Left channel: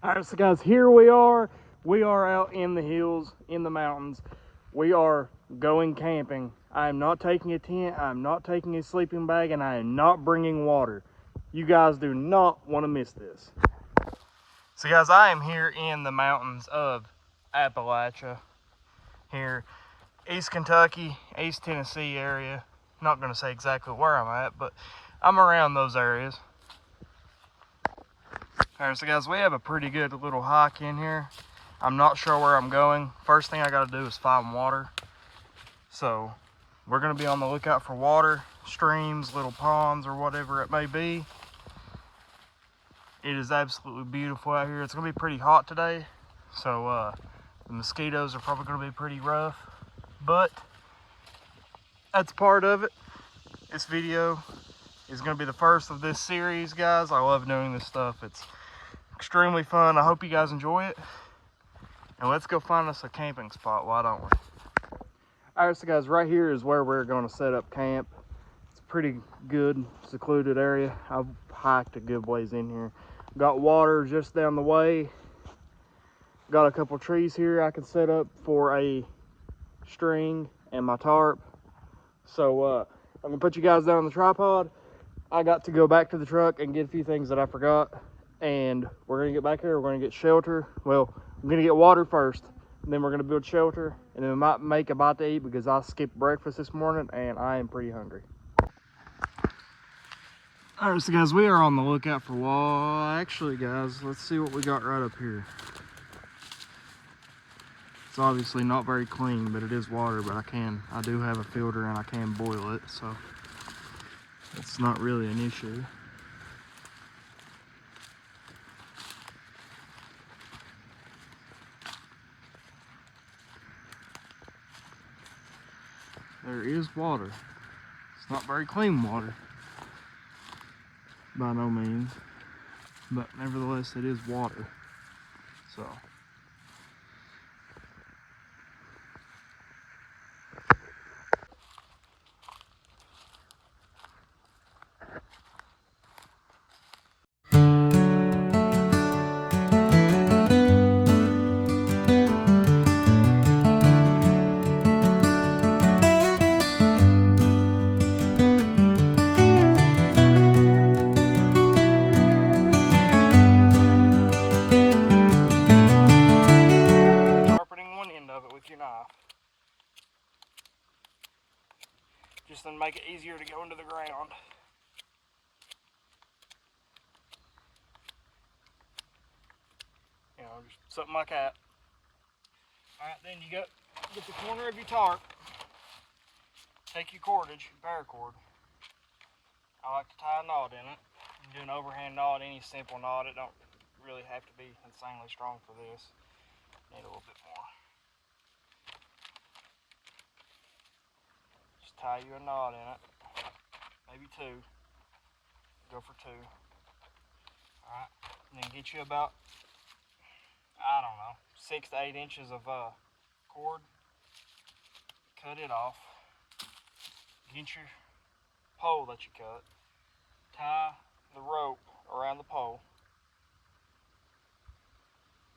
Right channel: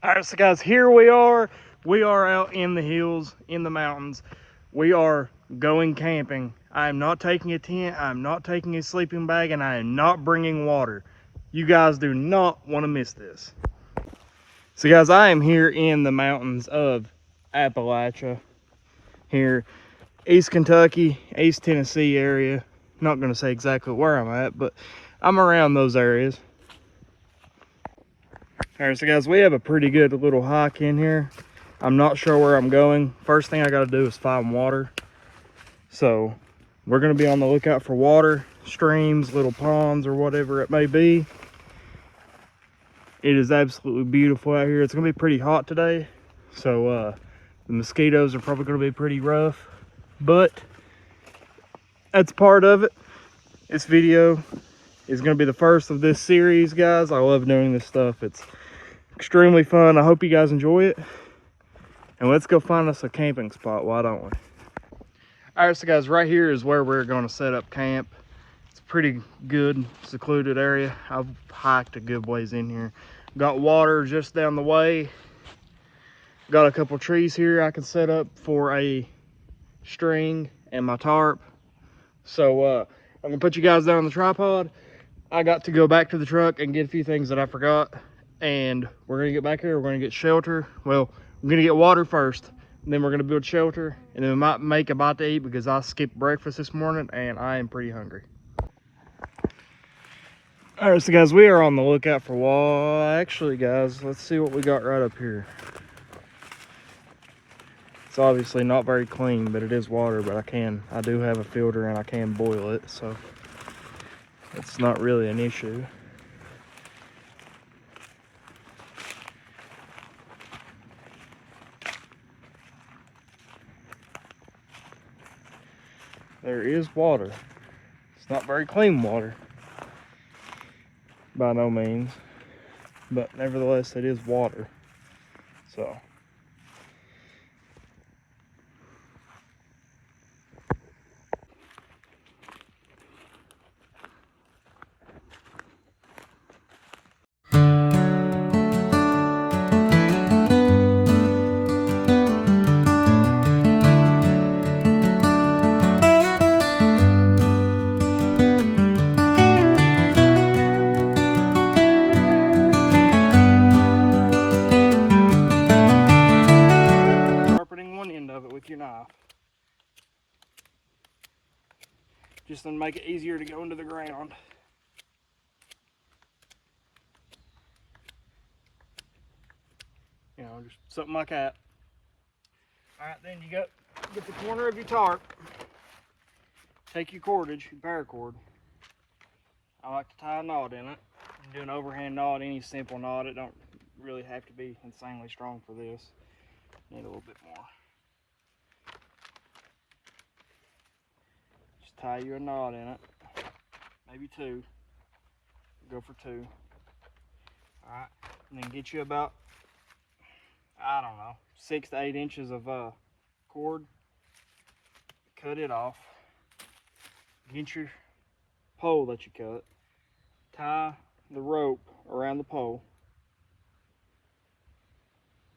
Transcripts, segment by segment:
All right, so guys, here we are. We are out in the hills, in the mountains. We are going camping. I am not taking a tent, I am not taking a sleeping bag, and I am not bringing water. You guys do not want to miss this. So guys, I am here in the mountains of Appalachia, here, East Kentucky, East Tennessee area. Not going to say exactly where I'm at, but I'm around those areas. All right, so guys, we have a pretty good little hike in here. I'm not sure where I'm going. First thing I got to do is find water. So we're going to be on the lookout for water, streams, little ponds, or whatever it may be. It is absolutely beautiful out here. It's going to be pretty hot today, so the mosquitoes are probably going to be pretty rough, but that's part of it. This video is going to be the first of this series, guys. I love doing this stuff. It's extremely fun. I hope you guys enjoy it. And let's go find us a camping spot, why don't we? All right, so guys, right here is where we're going to set up camp. It's a pretty good, secluded area. I've hiked a good ways in here. Got water just down the way. Got a couple trees here I can set up for a string and my tarp. So I'm gonna put you guys down on the tripod. I got to go back to the truck and get a few things that I forgot. And we're gonna get back here, we're gonna get shelter. Well, we're gonna get water first, and then we're gonna build shelter, and then we might make a bite to eat because I skipped breakfast this morning and I am pretty hungry. All right, so guys, we are on the lookout for water. Actually, guys, let's see what we got right up here. It's obviously not very clean, but it is water, but I do have a filter and I can boil it, so it's not really an issue. There is water. It's not very clean water, by no means, but nevertheless it is water. So with your knife, just to make it easier to go into the ground. You know, just something like that. All right, then you get the corner of your tarp, take your cordage, your paracord. I like to tie a knot in it. You can do an overhand knot, any simple knot. It don't really have to be insanely strong for this. Need a little bit more. Tie you a knot in it, maybe two. Go for two. All right, and then get you about, I don't know, 6 to 8 inches of cord. Cut it off. Get your pole that you cut. Tie the rope around the pole.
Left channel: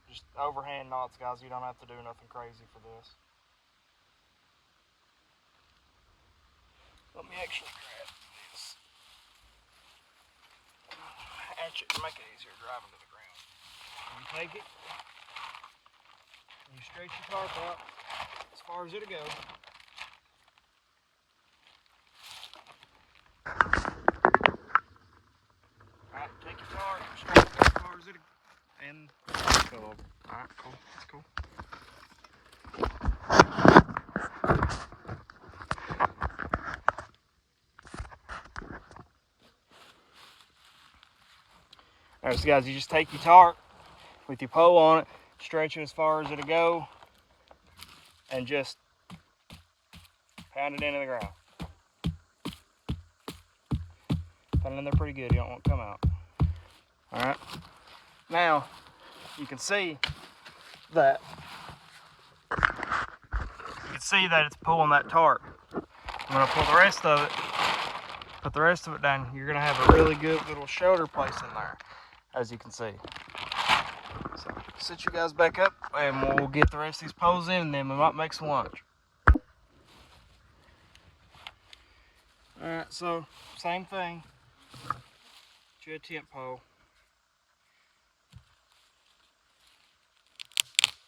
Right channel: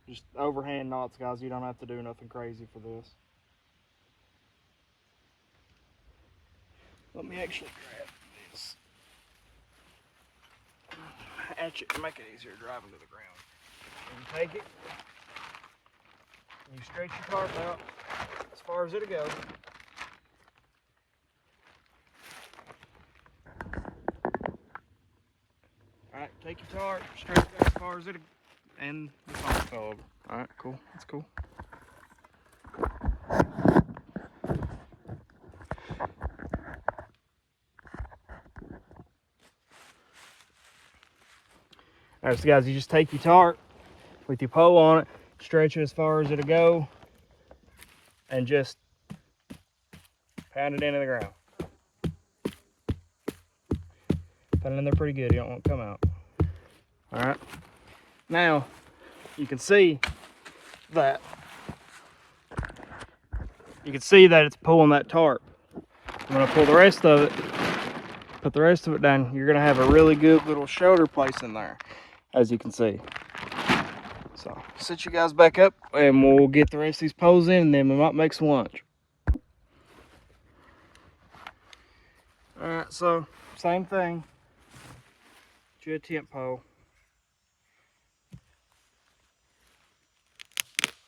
Just overhand knots, guys. You don't have to do nothing crazy for this. Let me actually grab this hatchet to make it easier driving to the ground. And you take it, and you stretch your tarp out as far as it'll go. Alright, take your tarp, stretch it out as far as it'll go, and the tarp's held. Alright, cool, that's cool. Alright, so guys, you just take your tarp with your pole on it, stretch it as far as it'll go, and just pound it into the ground. Put it in there pretty good, you don't want it to come out. Alright, now you can see that it's pulling that tarp. I'm going to pull the rest of it, put the rest of it down. You're going to have a really good little shoulder place in there, as you can see. So set you guys back up and we'll get the rest of these poles in and then we might make some lunch. Alright, so same thing. Get you a tent pole.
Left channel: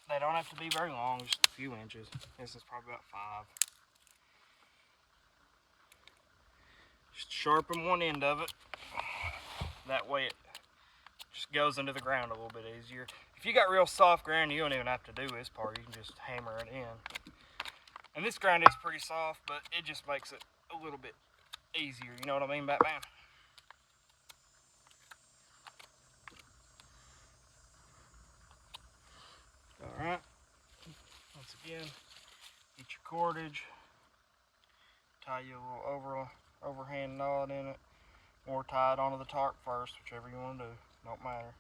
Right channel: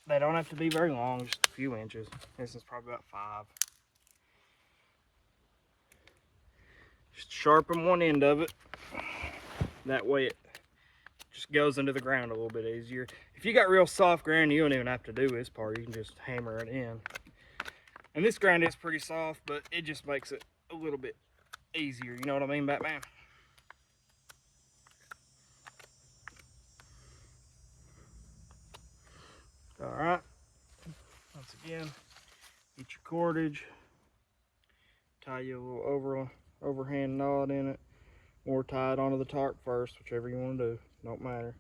They don't have to be very long, just a few inches. This is probably about 5. Just sharpen one end of it. That way it just goes into the ground a little bit easier. If you got real soft ground, you don't even have to do this part. You can just hammer it in. And this ground is pretty soft, but it just makes it a little bit easier. You know what I mean, Batman? Alright. Once again, get your cordage. Tie you a little overhand knot in it. Or tie it onto the tarp first, whichever you want to do. Don't matter.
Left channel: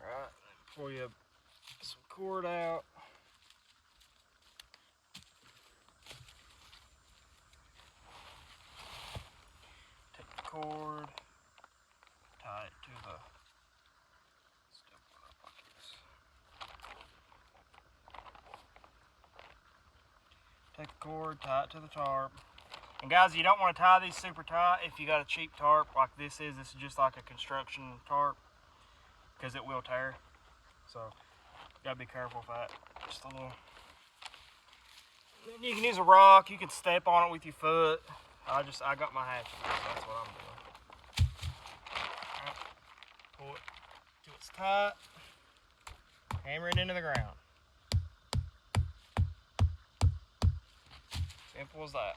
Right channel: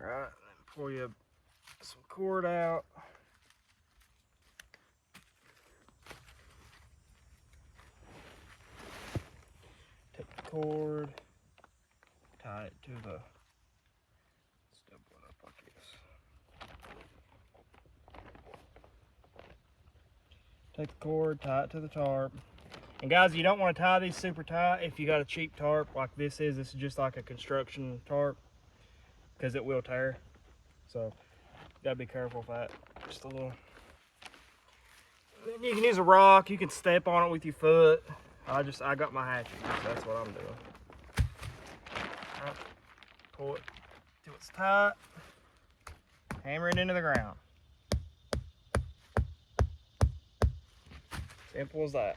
Alright, then pull you some cord out. Take the cord, tie it to the stipple it up like this. Take the cord, tie it to the tarp. And guys, you don't want to tie these super tight if you got a cheap tarp like this is. This is just like a construction tarp because it will tear. So, gotta be careful with that. Just a little. Then you can use a rock, you can step on it with your foot. I got my hatchet, so that's what I'm doing. Alright, pull it till it's tight. Hammer it into the ground. Simple as that.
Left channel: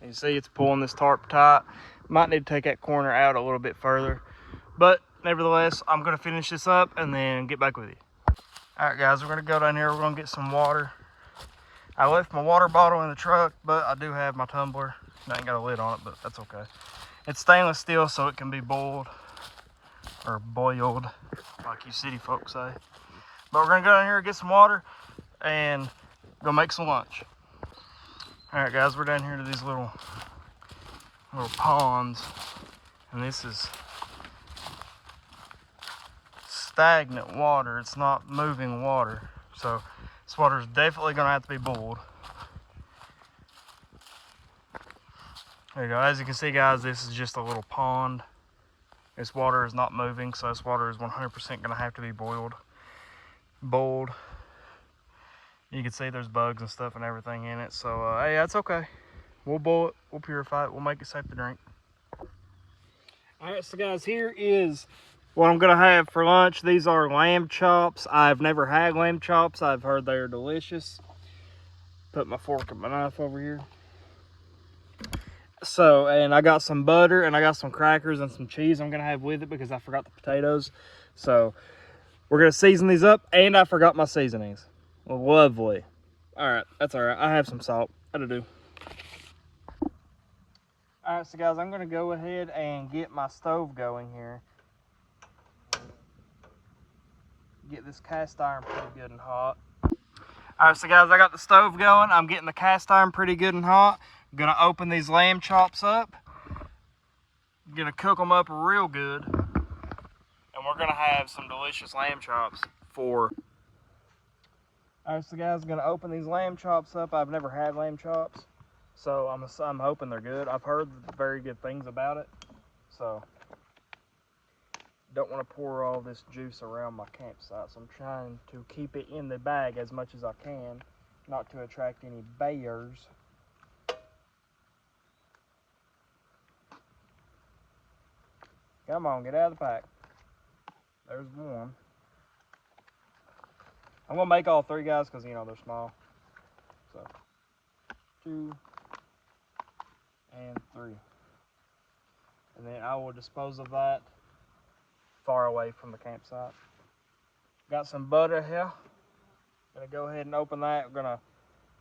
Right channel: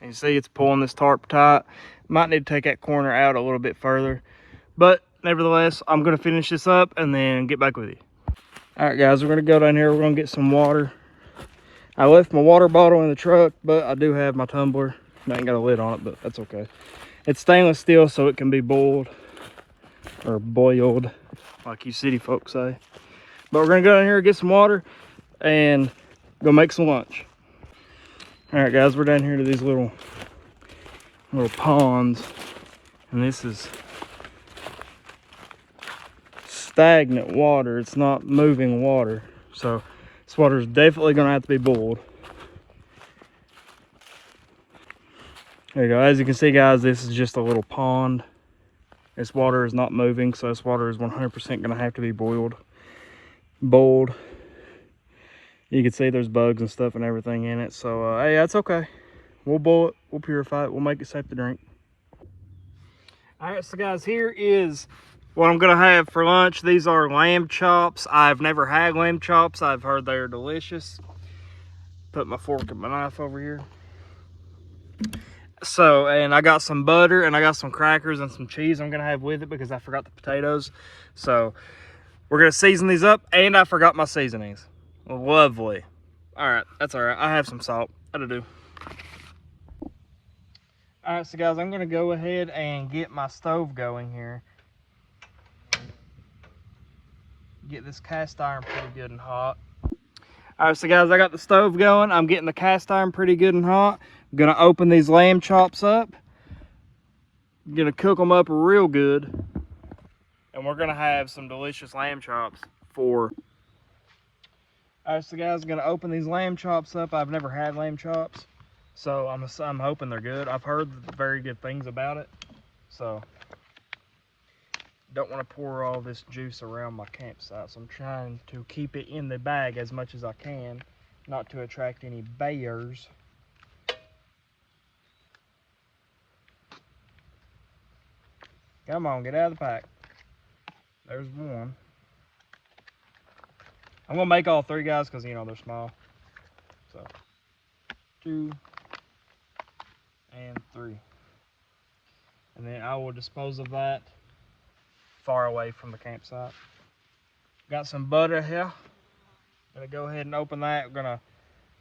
And you see it's pulling this tarp tight. Might need to take that corner out a little bit further. But nevertheless, I'm going to finish this up and then get back with you. Alright guys, we're going to go down here. We're going to get some water. I left my water bottle in the truck, but I do have my tumbler. I ain't got a lid on it, but that's okay. It's stainless steel, so it can be boiled. Or boiled, like you city folks say. But we're going to go down here and get some water and go make some lunch. Alright guys, we're down here to these little ponds. And this is stagnant water. It's not moving water. So this water is definitely going to have to be boiled. There you go. As you can see guys, this is just a little pond. This water is not moving, so this water is 100% going to have to be boiled. You can see there's bugs and stuff and everything in it. So hey, that's okay. We'll boil it, we'll purify it, we'll make it safe to drink. Alright, so guys, here is what I'm gonna have for lunch. These are lamb chops. I've never had lamb chops. I've heard they are delicious. Put my fork and my knife over here. So, and I got some butter and I got some crackers and some cheese I'm gonna have with it because I forgot the potatoes. So, we're gonna season these up, and I forgot my seasonings. Lovely. Alright, that's alright. I have some salt. That'll do. Alright, so guys, I'm gonna go ahead and get my stove going here. Get this cast iron pretty good and hot. Alright, so guys, I got the stove going. I'm getting the cast iron pretty good and hot. I'm gonna open these lamb chops up. I'm gonna cook them up real good. And we're gonna have some delicious lamb chops for... Alright, so guys, I'm gonna open these lamb chops up. I've never had lamb chops, so I'm hoping they're good. I've heard very good things about it, so don't want to pour all this juice around my campsite. So I'm trying to keep it in the bag as much as I can, not to attract any bears. Come on, get out of the pack. There's one. I'm gonna make all 3 guys because you know they're small. So 2 and 3. And then I will dispose of that far away from the campsite. Got some butter here. Gonna go ahead and open that. We're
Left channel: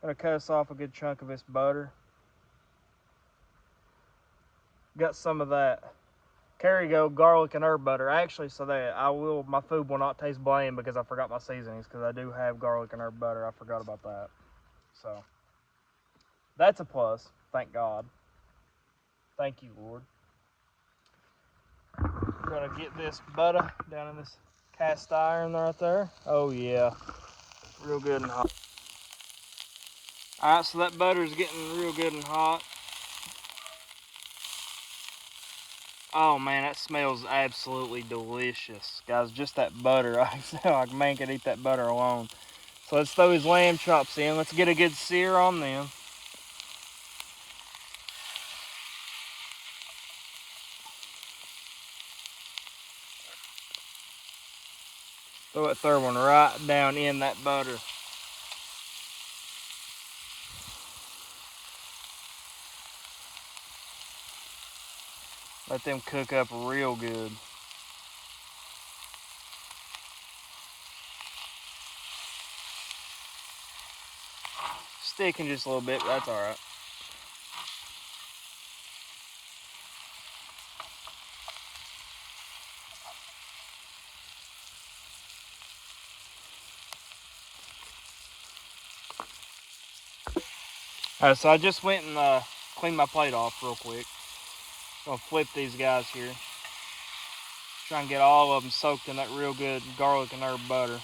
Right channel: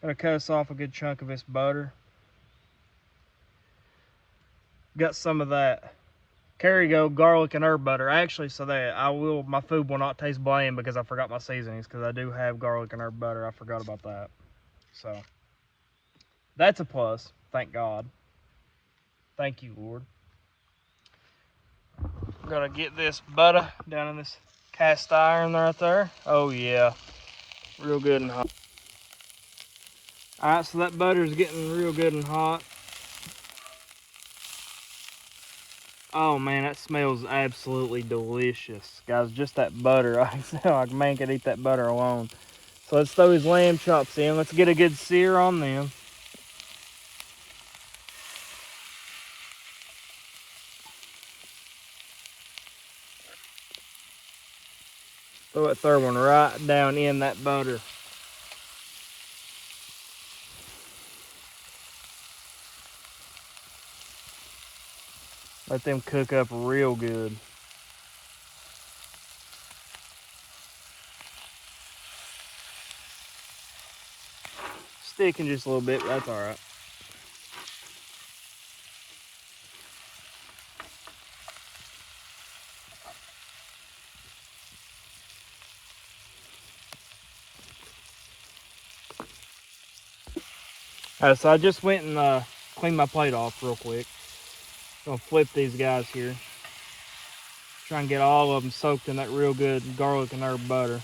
gonna cut us off a good chunk of this butter. Got some of that Kerrygo garlic and herb butter. Actually, so that my food will not taste bland because I forgot my seasonings, because I do have garlic and herb butter. I forgot about that. So That's a plus, thank God. Thank you, Lord. I'm gonna get this butter down in this cast iron right there. Oh yeah, real good and hot. All right, so that butter's getting real good and hot. Oh man, that smells absolutely delicious. Guys, just that butter. I feel like man could eat that butter alone. So let's throw these lamb chops in. Let's get a good sear on them. Throw that third one right down in that butter. Let them cook up real good. Sticking just a little bit, but that's all right. So I just went and cleaned my plate off real quick. I'm gonna flip these guys here. Try and get all of them soaked in that real good garlic and herb butter.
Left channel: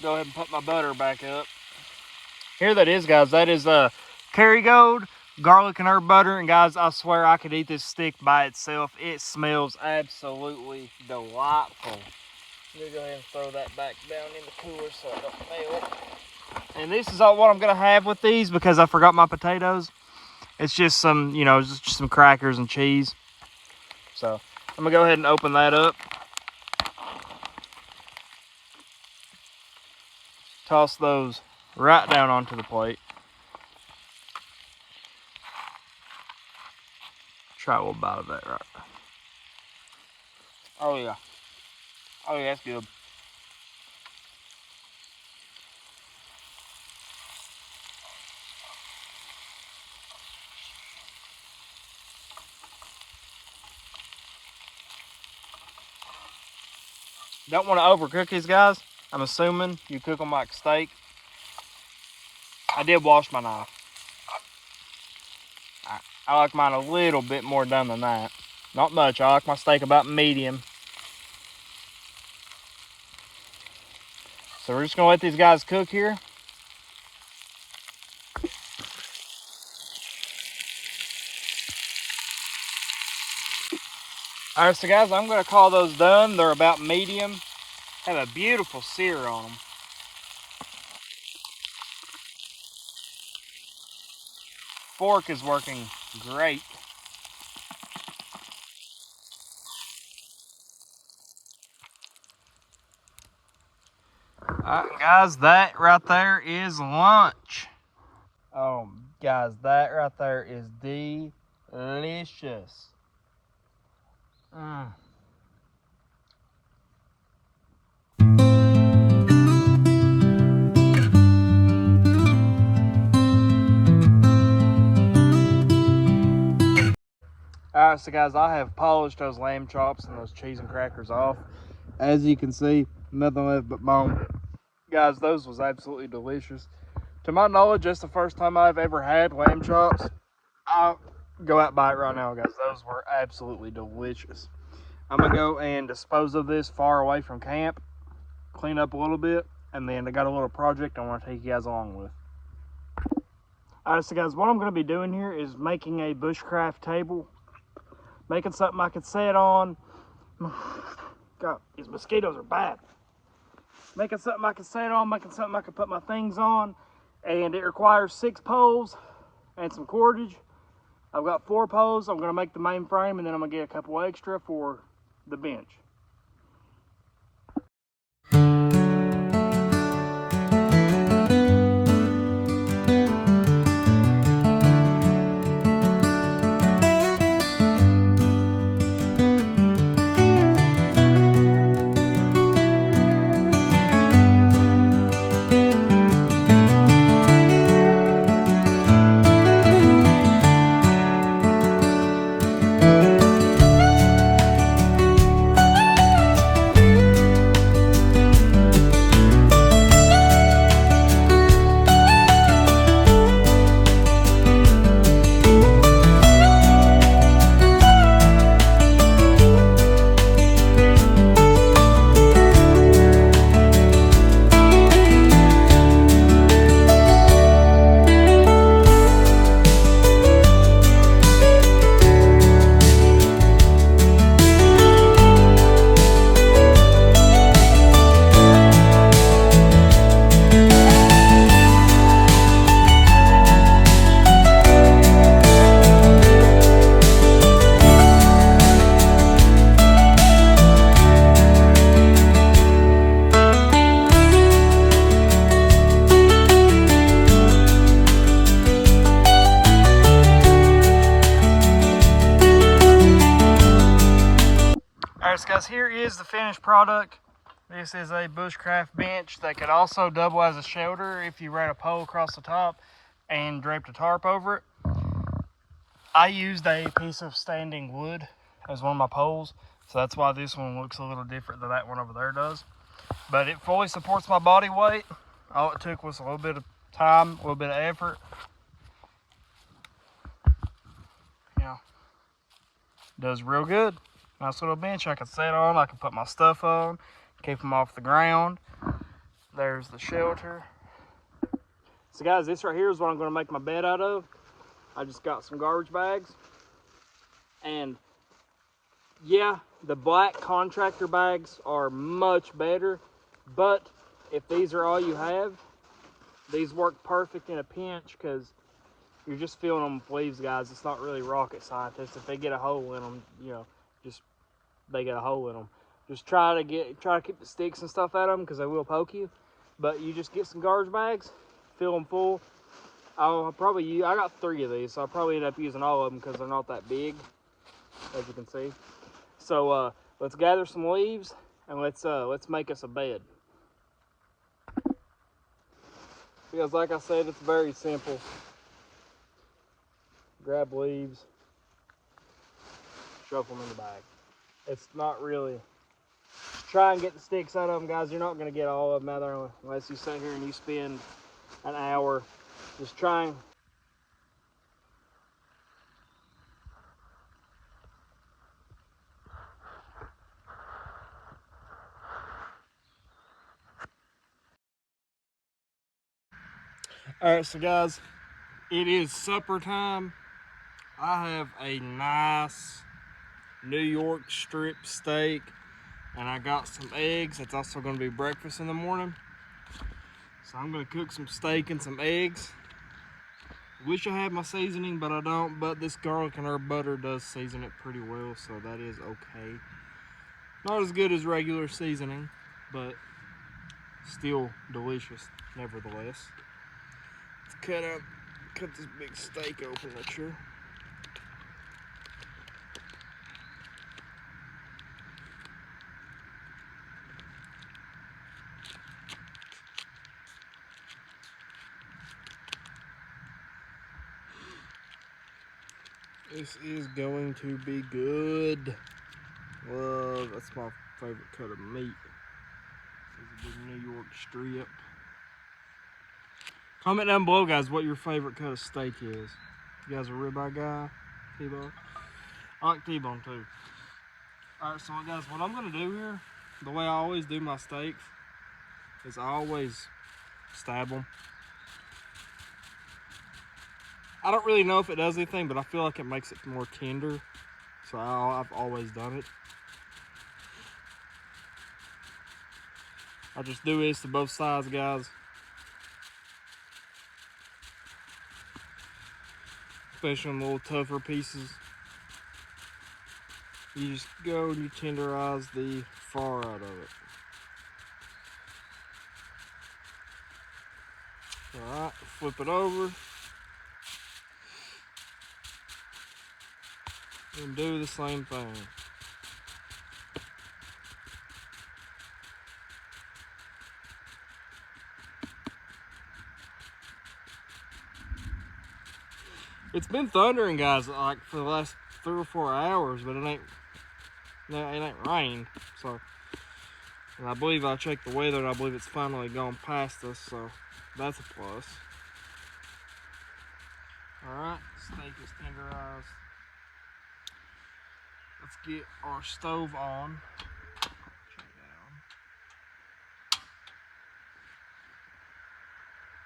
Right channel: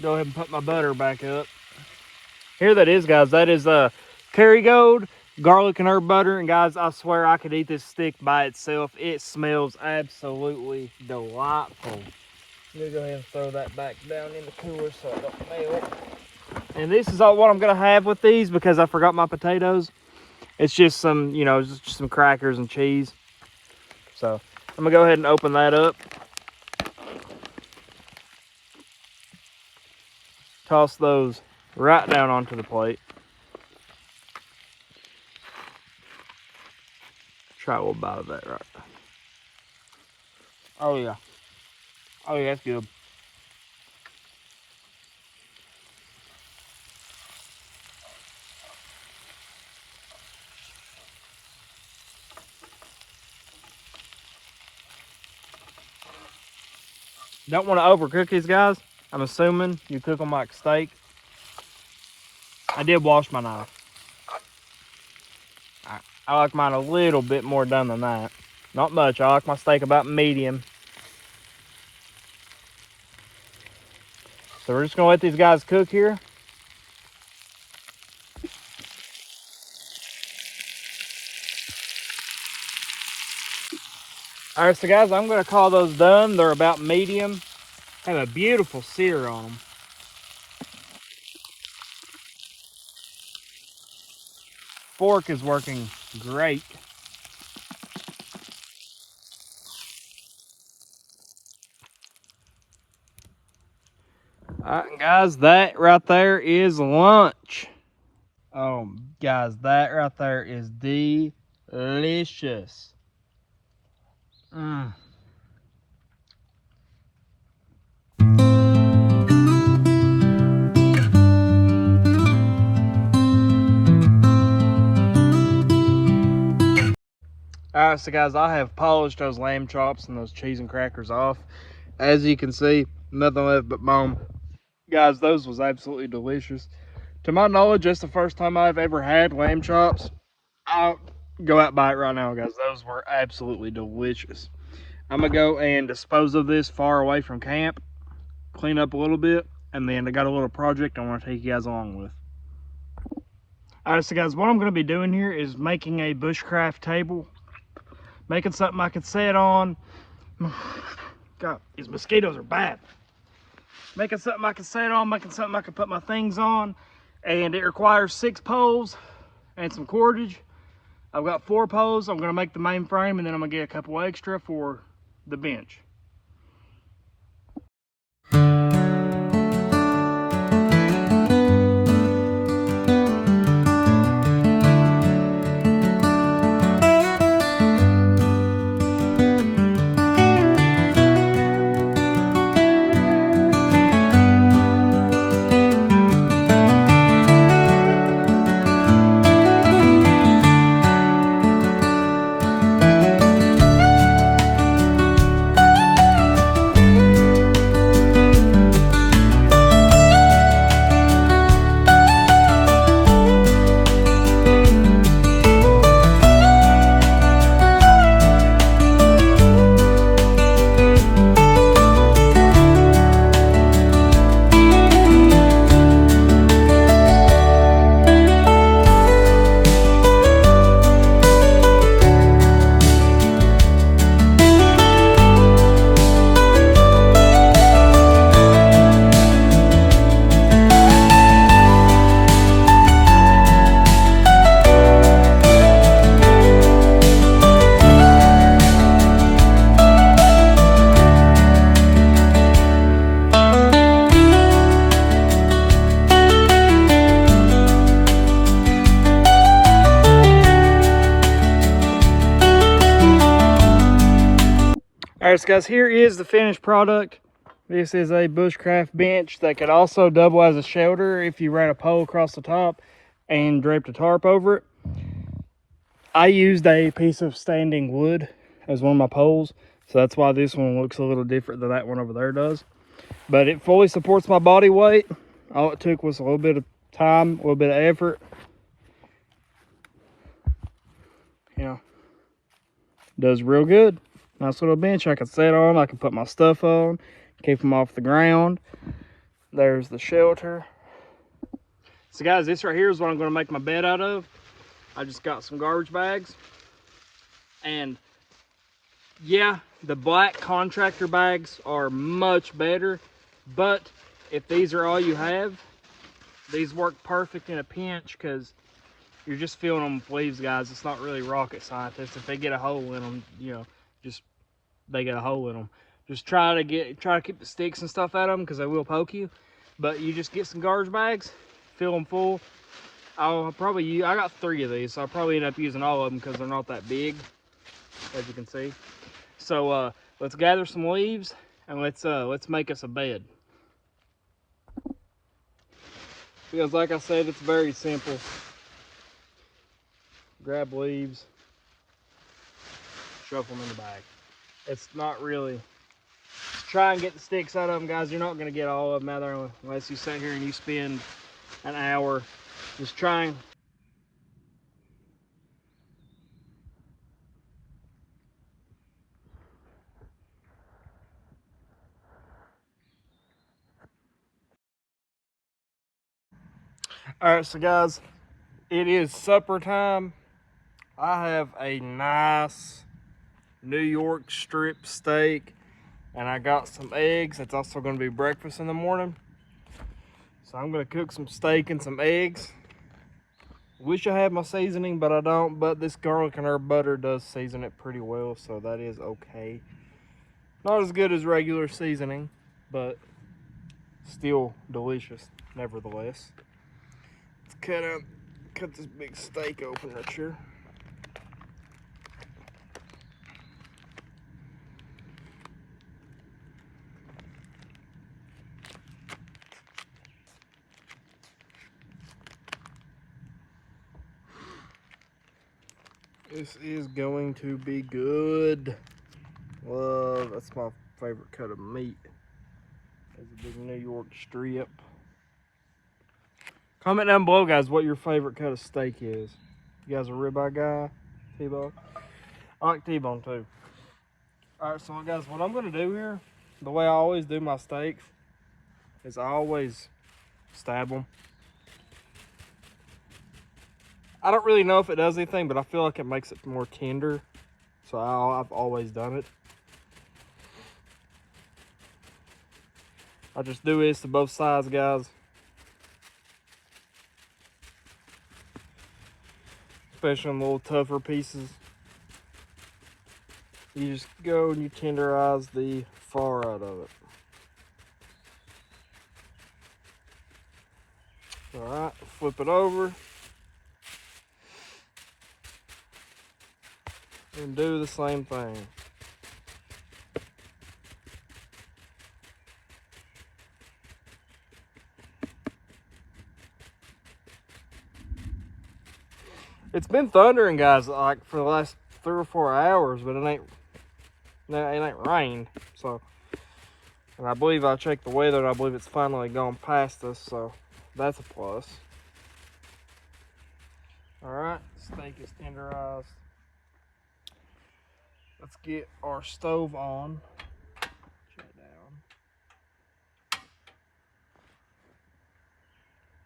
Go ahead and put my butter back up. Here that is, guys. That is Kerrygold garlic and herb butter. And guys, I swear I could eat this stick by itself. It smells absolutely delightful. I'm gonna go ahead and throw that back down in the cooler so it don't melt. And this is all what I'm gonna have with these because I forgot my potatoes. It's just some, you know, just some crackers and cheese. So I'm gonna go ahead and open that up. Toss those right down onto the plate. Try a little bite of that right. Oh yeah. Oh yeah, that's good. Don't want to overcook these, guys. I'm assuming you cook them like steak. I did wash my knife. I like mine a little bit more done than that. Not much. I like my steak about medium. So we're just gonna let these guys cook here. All right, so guys, I'm gonna call those done. They're about medium. Have a beautiful sear on them. Fork is working great. All right, guys, that right there is lunch. Oh, guys, that right there is delicious. Mm. Alright, so guys, I have polished those lamb chops and those cheese and crackers off. As you can see, nothing left but bone. Guys, those was absolutely delicious. To my knowledge, that's the first time I've ever had lamb chops. I'll go out and buy it right now, guys. Those were absolutely delicious. I'm going to go and dispose of this far away from camp, clean up a little bit, and then I got a little project I want to take you guys along with. Alright, so guys, what I'm going to be doing here is making a bushcraft table. Making something I could sit on. God, these mosquitoes are bad. Making something I can sit on, making something I can put my things on. And it requires 6 poles and some cordage. I've got 4 poles. I'm gonna make the main frame and then I'm gonna get a couple extra for the bench. All right, so guys, here is the finished product. This is a Bushcraft bench that could also double as a shelter if you ran a pole across the top and draped a tarp over it. I used a piece of standing wood as one of my poles, so that's why this one looks a little different than that one over there does. But it fully supports my body weight. All it took was a little bit of time, a little bit of effort. Yeah, does real good. Nice little bench I can sit on. I can put my stuff on, keep them off the ground. There's the shelter. So guys, this right here is what I'm going to make my bed out of. I just got some garbage bags. And yeah, the black contractor bags are much better. But if these are all you have, these work perfect in a pinch because you're just filling them with leaves, guys. It's not really rocket science. If they get a hole in them, you know, they get a hole in them. Just try to keep the sticks and stuff out of them because they will poke you. But you just get some garbage bags, fill them full. I got 3 of these, so I'll probably end up using all of them because they're not that big, as you can see. So let's gather some leaves and let's make us a bed. Because like I said, it's very simple. Grab leaves, shuffle them in the bag. It's not really, try and get the sticks out of them, guys. You're not going to get all of them out there unless you sit here and you spend an hour just trying. All right, so guys, it is supper time. I have a nice New York strip steak, and I got some eggs. It's also going to be breakfast in the morning. So I'm going to cook some steak and some eggs. Wish I had my seasoning, but I don't. But this garlic and herb butter does season it pretty well, so that is okay. Not as good as regular seasoning, but still delicious nevertheless. Let's cut this big steak open right here. This is going to be good. Love, that's my favorite cut of meat. There's a big New York strip. Comment down below, guys, what your favorite cut of steak is. You guys a ribeye guy? T-bone? I like T-bone too. Alright, so guys, what I'm gonna do here, the way I always do my steaks, is I always stab them. I don't really know if it does anything, but I feel like it makes it more tender. So I've always done it. I just do this to both sides, guys. Especially on the little tougher pieces. You just go and you tenderize the far out of it. Alright, flip it over. And do the same thing. It's been thundering, guys, like for the last 3 or 4 hours, but it ain't rained. So, and I believe I checked the weather, and I believe it's finally gone past us. So that's a plus. All right, steak is tenderized. Let's get our stove on. Check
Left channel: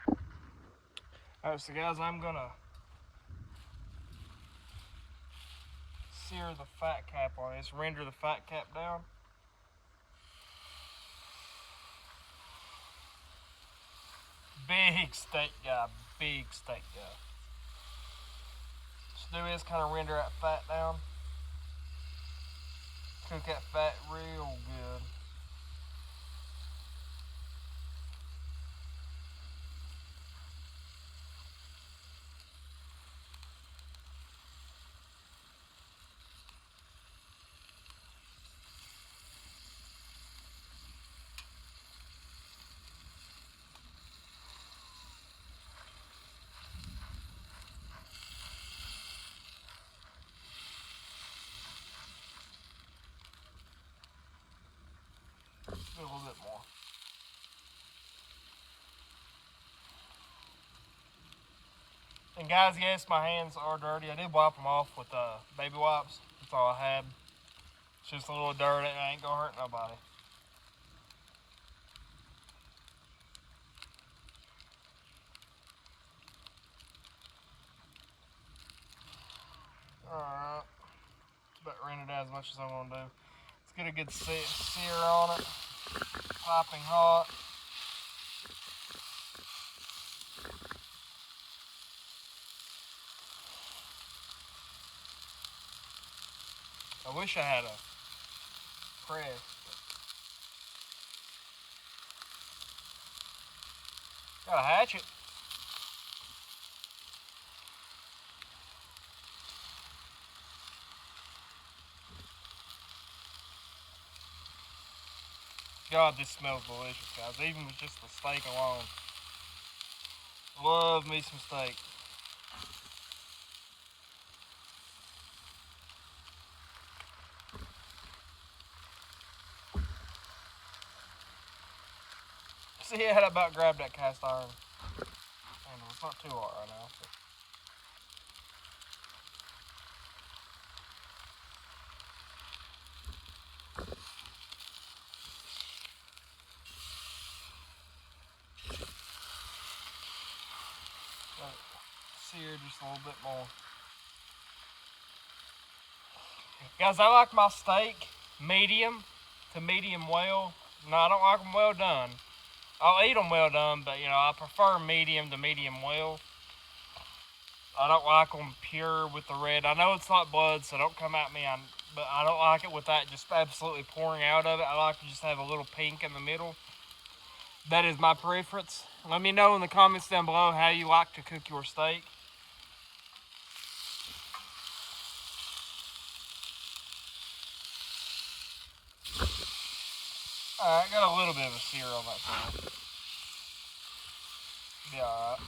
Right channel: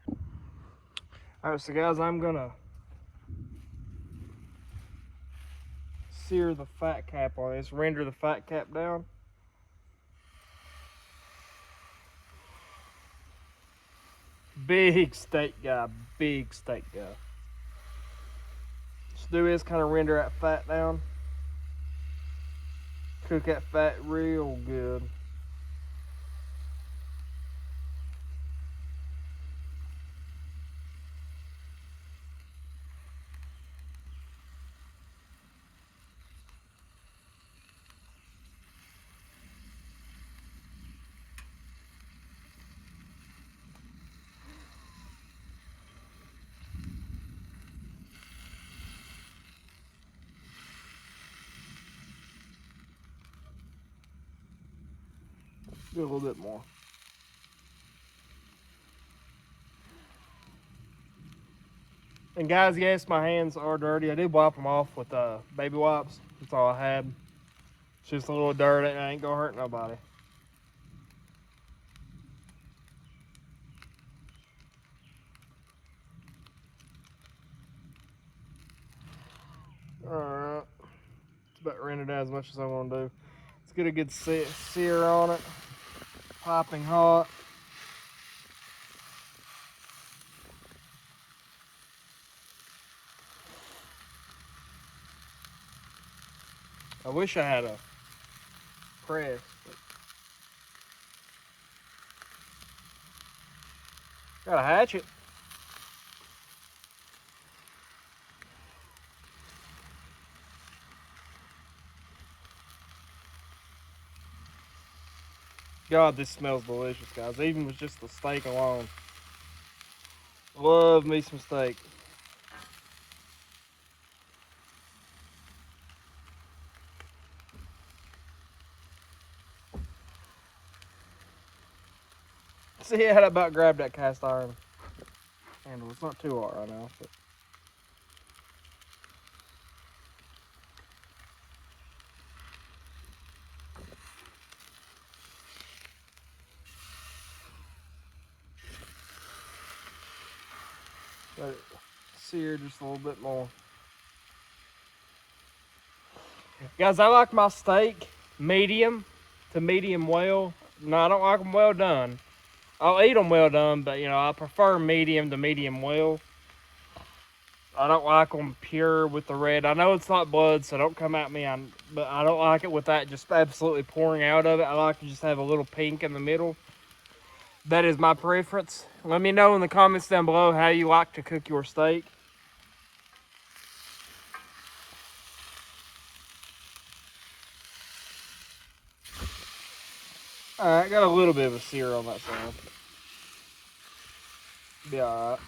down. All right, so guys, I'm gonna sear the fat cap on this, render the fat cap down. Big steak guy, big steak guy. Just do this, kind of render that fat down. Cook that fat real good. Do a little bit more. And guys, yes, my hands are dirty. I did wipe them off with baby wipes. That's all I had. It's just a little dirt and it ain't gonna hurt nobody. Alright. It's about rendered out as much as I want to do. Let's get a good sear on it. Piping hot. I wish I had a press. Got a hatchet. God, this smells delicious, guys. Even with just the steak alone. Love me some steak. See, I had about grabbed that cast iron handle. It's not too hot right now. But... let it sear just a little bit more. Guys, I like my steak medium to medium well. No, I don't like them well done. I'll eat them well done, but you know, I prefer medium to medium well. I don't like them pure with the red. I know it's not blood, so don't come at me. But I don't like it with that just absolutely pouring out of it. I like to just have a little pink in the middle. That is my preference. Let me know in the comments down below how you like to cook your steak. Alright, got a little bit of a sear on that side. Be alright.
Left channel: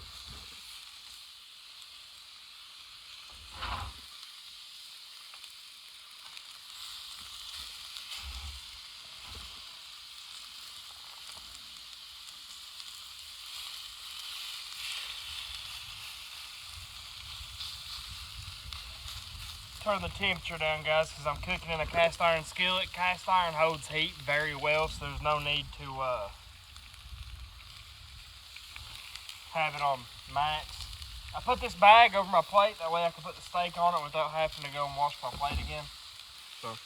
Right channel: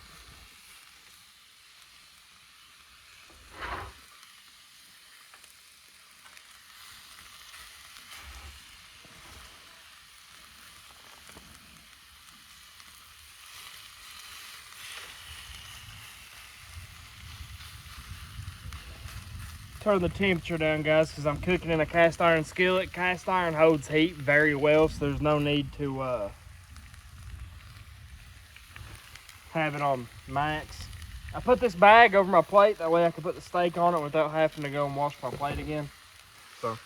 Turn the temperature down, guys, because I'm cooking in a cast iron skillet. Cast iron holds heat very well, so there's no need to have it on max. I put this bag over my plate, that way I can put the steak on it without having to go and wash my plate again. So.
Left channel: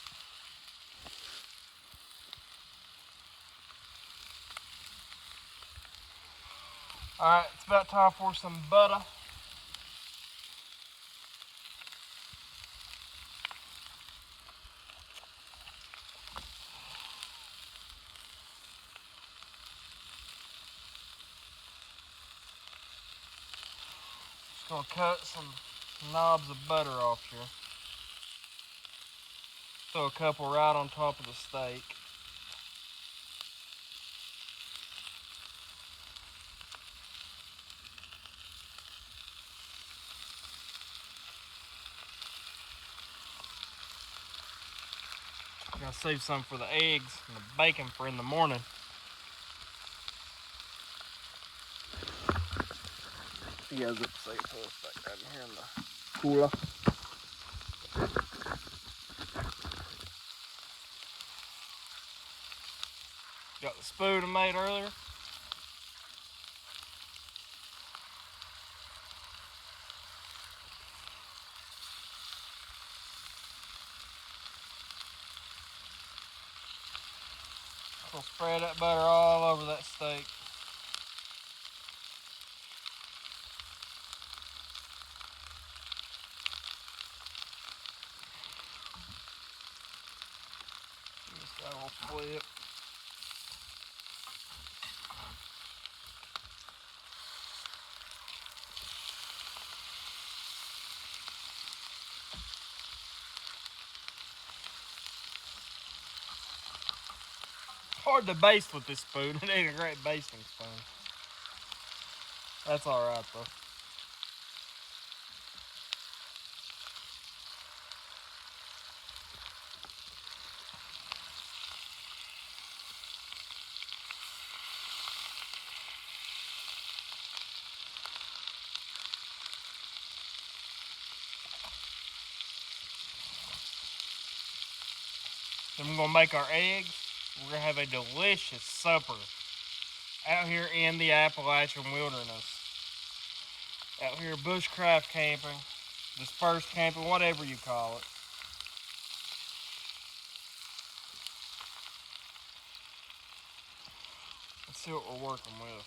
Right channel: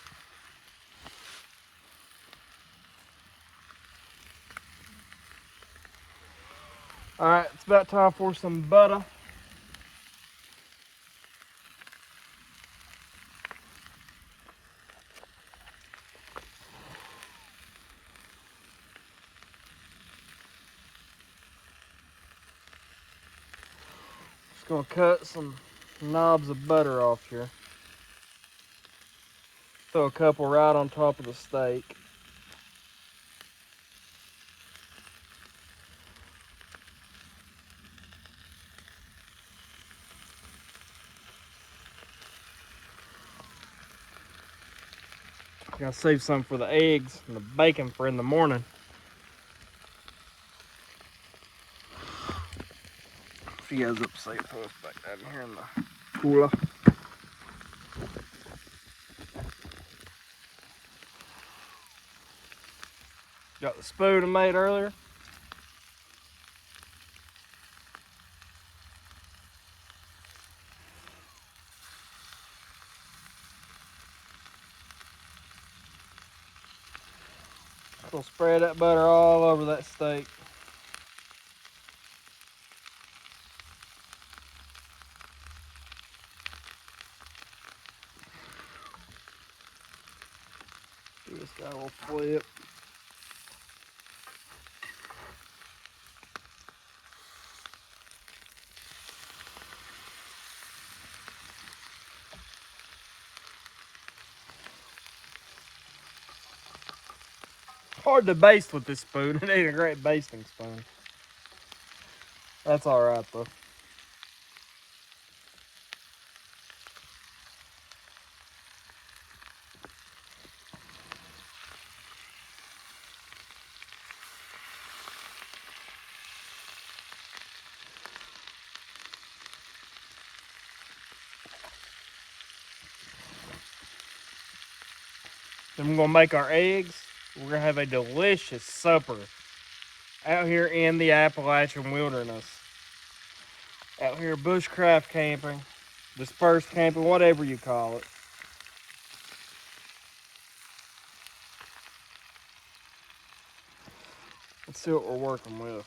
Alright, it's about time for some butter. Just gonna cut some knobs of butter off here. Throw a couple right on top of the steak. Gonna save some for the eggs and the bacon for in the morning. If you guys up safe, back down here in the cooler. Got the spoon I made earlier. We'll spread that butter all over that steak. Give this guy a little flip. Hard to baste with this spoon. It ain't a great basting spoon. That's alright though. Then we're gonna make our eggs. We're gonna have a delicious supper out here in the Appalachian wilderness. Out here bushcraft camping, dispersed camping, whatever you call it. Let's see what we're working with.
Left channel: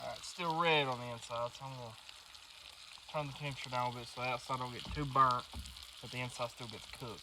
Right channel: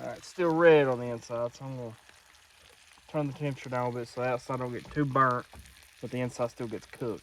Alright, it's still red on the inside, so I'm gonna turn the temperature down a bit so the outside don't get too burnt, but the inside still gets cooked.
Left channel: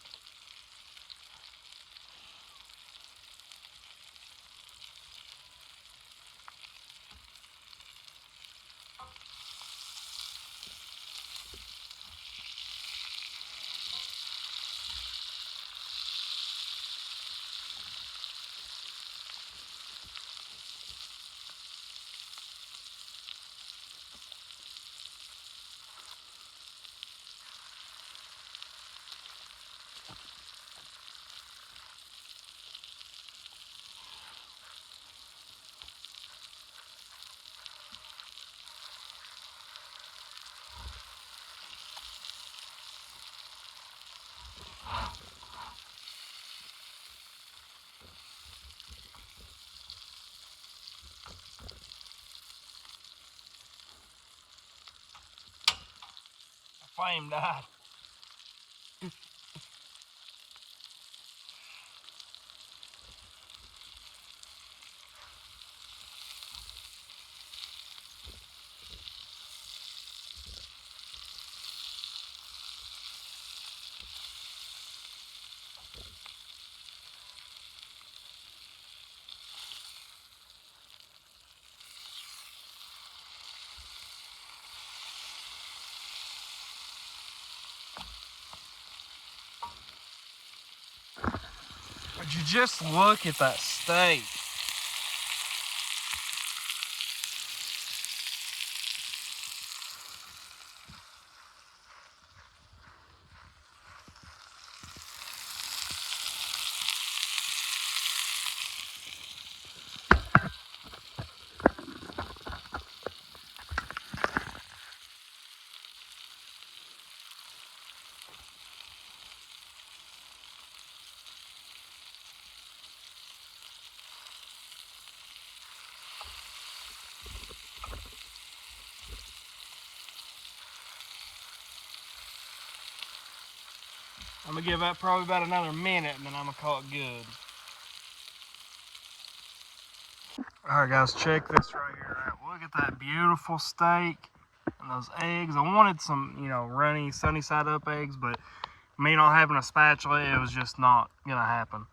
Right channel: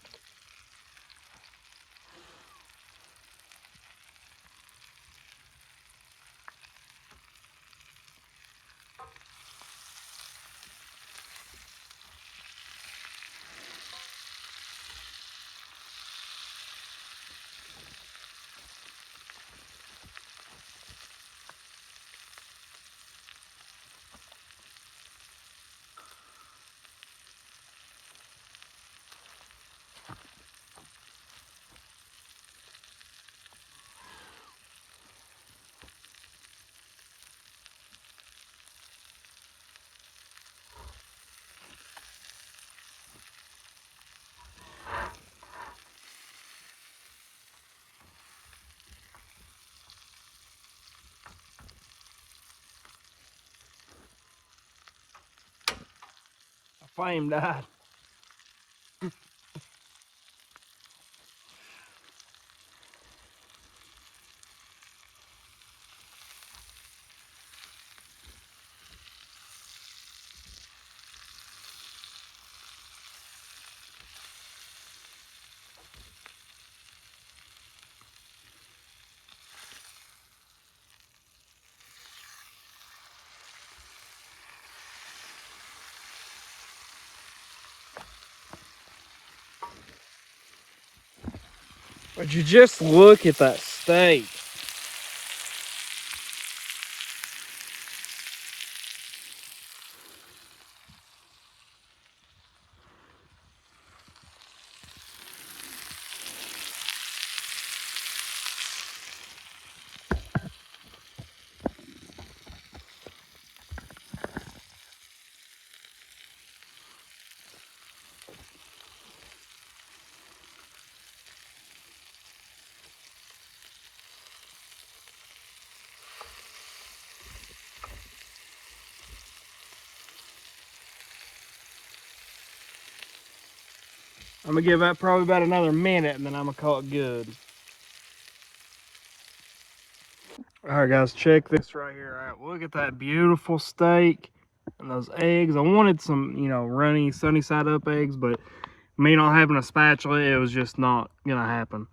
The flame died. Would you just look at that steak? I'm gonna give that probably about another minute and then I'm gonna call it good. Alright guys, check this right here. Alright, look at that beautiful steak and those eggs. I wanted some, you know, runny, sunny side up eggs, but me not having a spatula, it was just not gonna happen.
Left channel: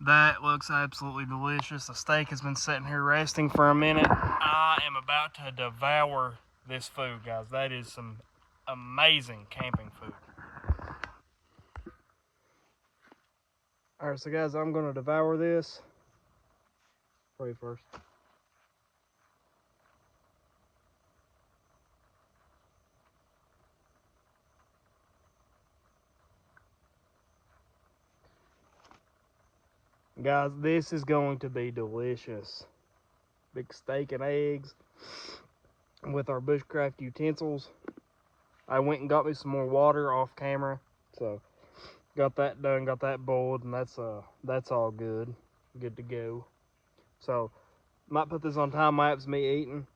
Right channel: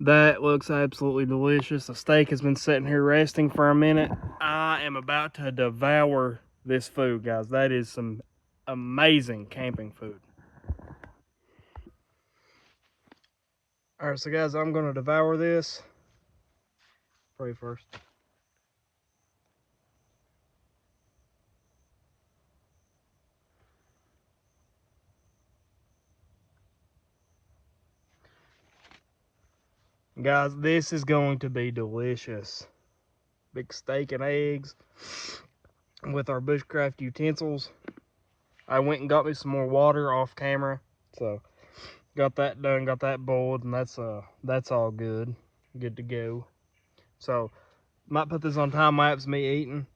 That looks absolutely delicious. The steak has been sitting here resting for a minute. I am about to devour this food, guys. That is some amazing camping food. Alright, so guys, I'm gonna devour this. Pray first. Guys, this is going to be delicious. Big steak and eggs with our bushcraft utensils. I went and got me some more water off camera, so got that done, got that boiled, and that's all good to go. So might put this on time lapse me eating,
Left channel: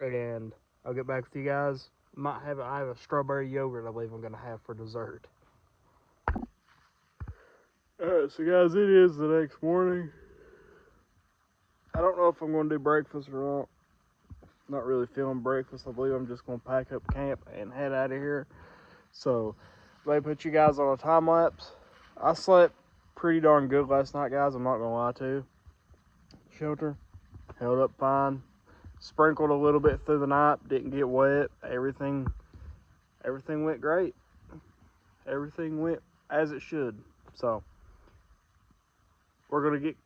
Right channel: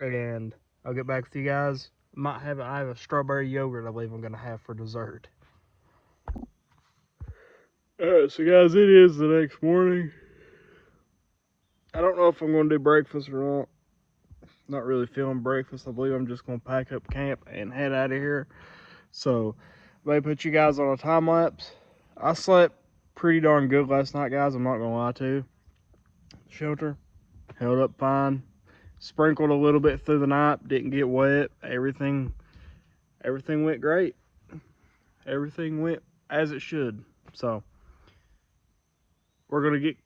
and I'll get back with you guys. I have a strawberry yogurt I believe I'm gonna have for dessert. Alright, so guys, it is the next morning. I don't know if I'm gonna do breakfast or not. Not really feeling breakfast. I believe I'm just gonna pack up camp and head out of here. So let me put you guys on a time lapse. I slept pretty darn good last night, guys. I'm not gonna lie to you. Shelter held up fine. Sprinkled a little bit through the night. Didn't get wet. Everything went great. Everything went as it should. So we're gonna get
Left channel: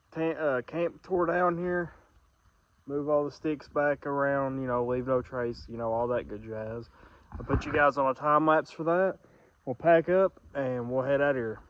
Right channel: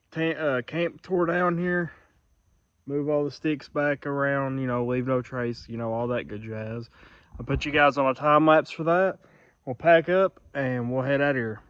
camp tore down here. Move all the sticks back around, you know, leave no trace, you know, all that good jazz. I'll put you guys on a time lapse for that. We'll pack up and we'll head out of here.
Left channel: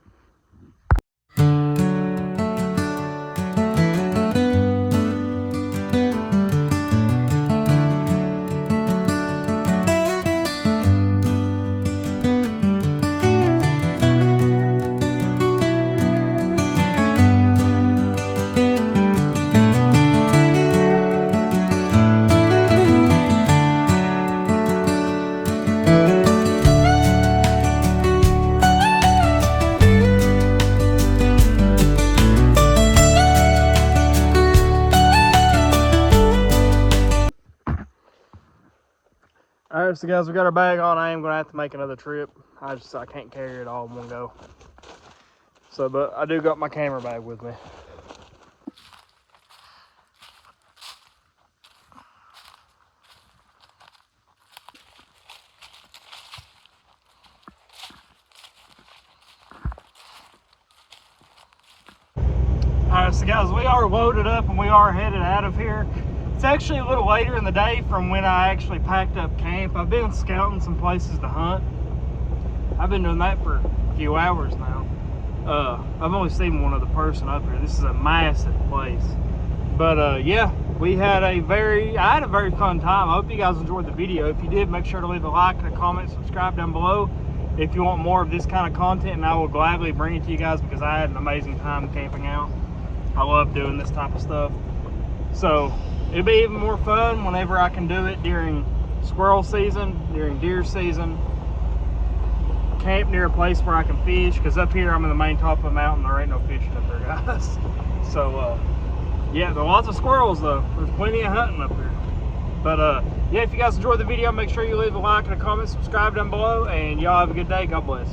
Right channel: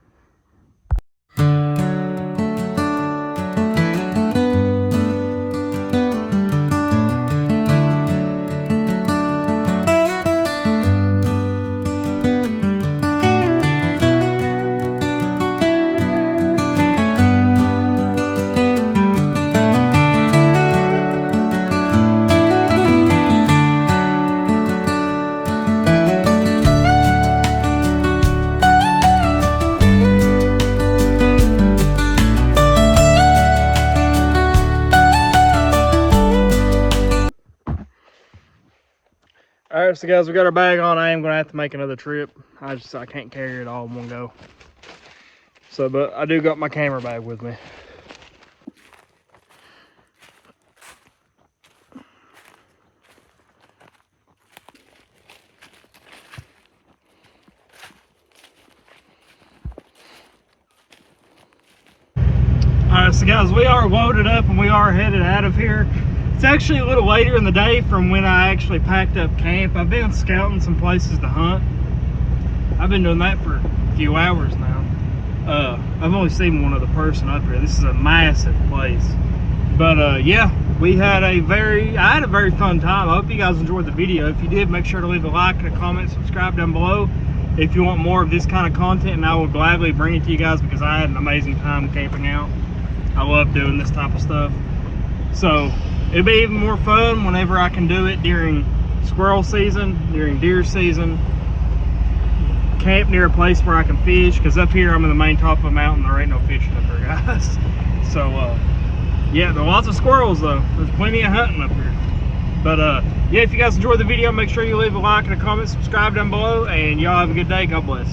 All right, so guys, we got our bag on. I am gonna have to make another trip. I can't carry it all in one go. So, but I do got my camera bag with me. Alright, so guys, we are loaded up and we are headed out of here. It's actually a little later in the day from when I actually packed up camp. I've been scouting some places to hunt. I've been doing that for a few hours now. I've only seen one other person up here. This is a massive place. But yeah, I had a very fun time. I hope you guys enjoyed the video. If you did, make sure to leave a like and a comment, subscribe down below if you want more of this kind of content, and I will gladly bring it to you guys because I had an amazing time camping out. I love doing this type of stuff. So it'll be even more fun whenever I can do it during squirrel season, during deer season. Camp near a place where I can fish, because up here I'm in the main top of a mountain. There ain't no fishing up there, guys. So yeah, there are lots of squirrels though. There's plenty of hunting up here. But yeah, if you guys enjoyed the video, make sure you leave a like and a comment, subscribe down below, and y'all have a good day. God bless.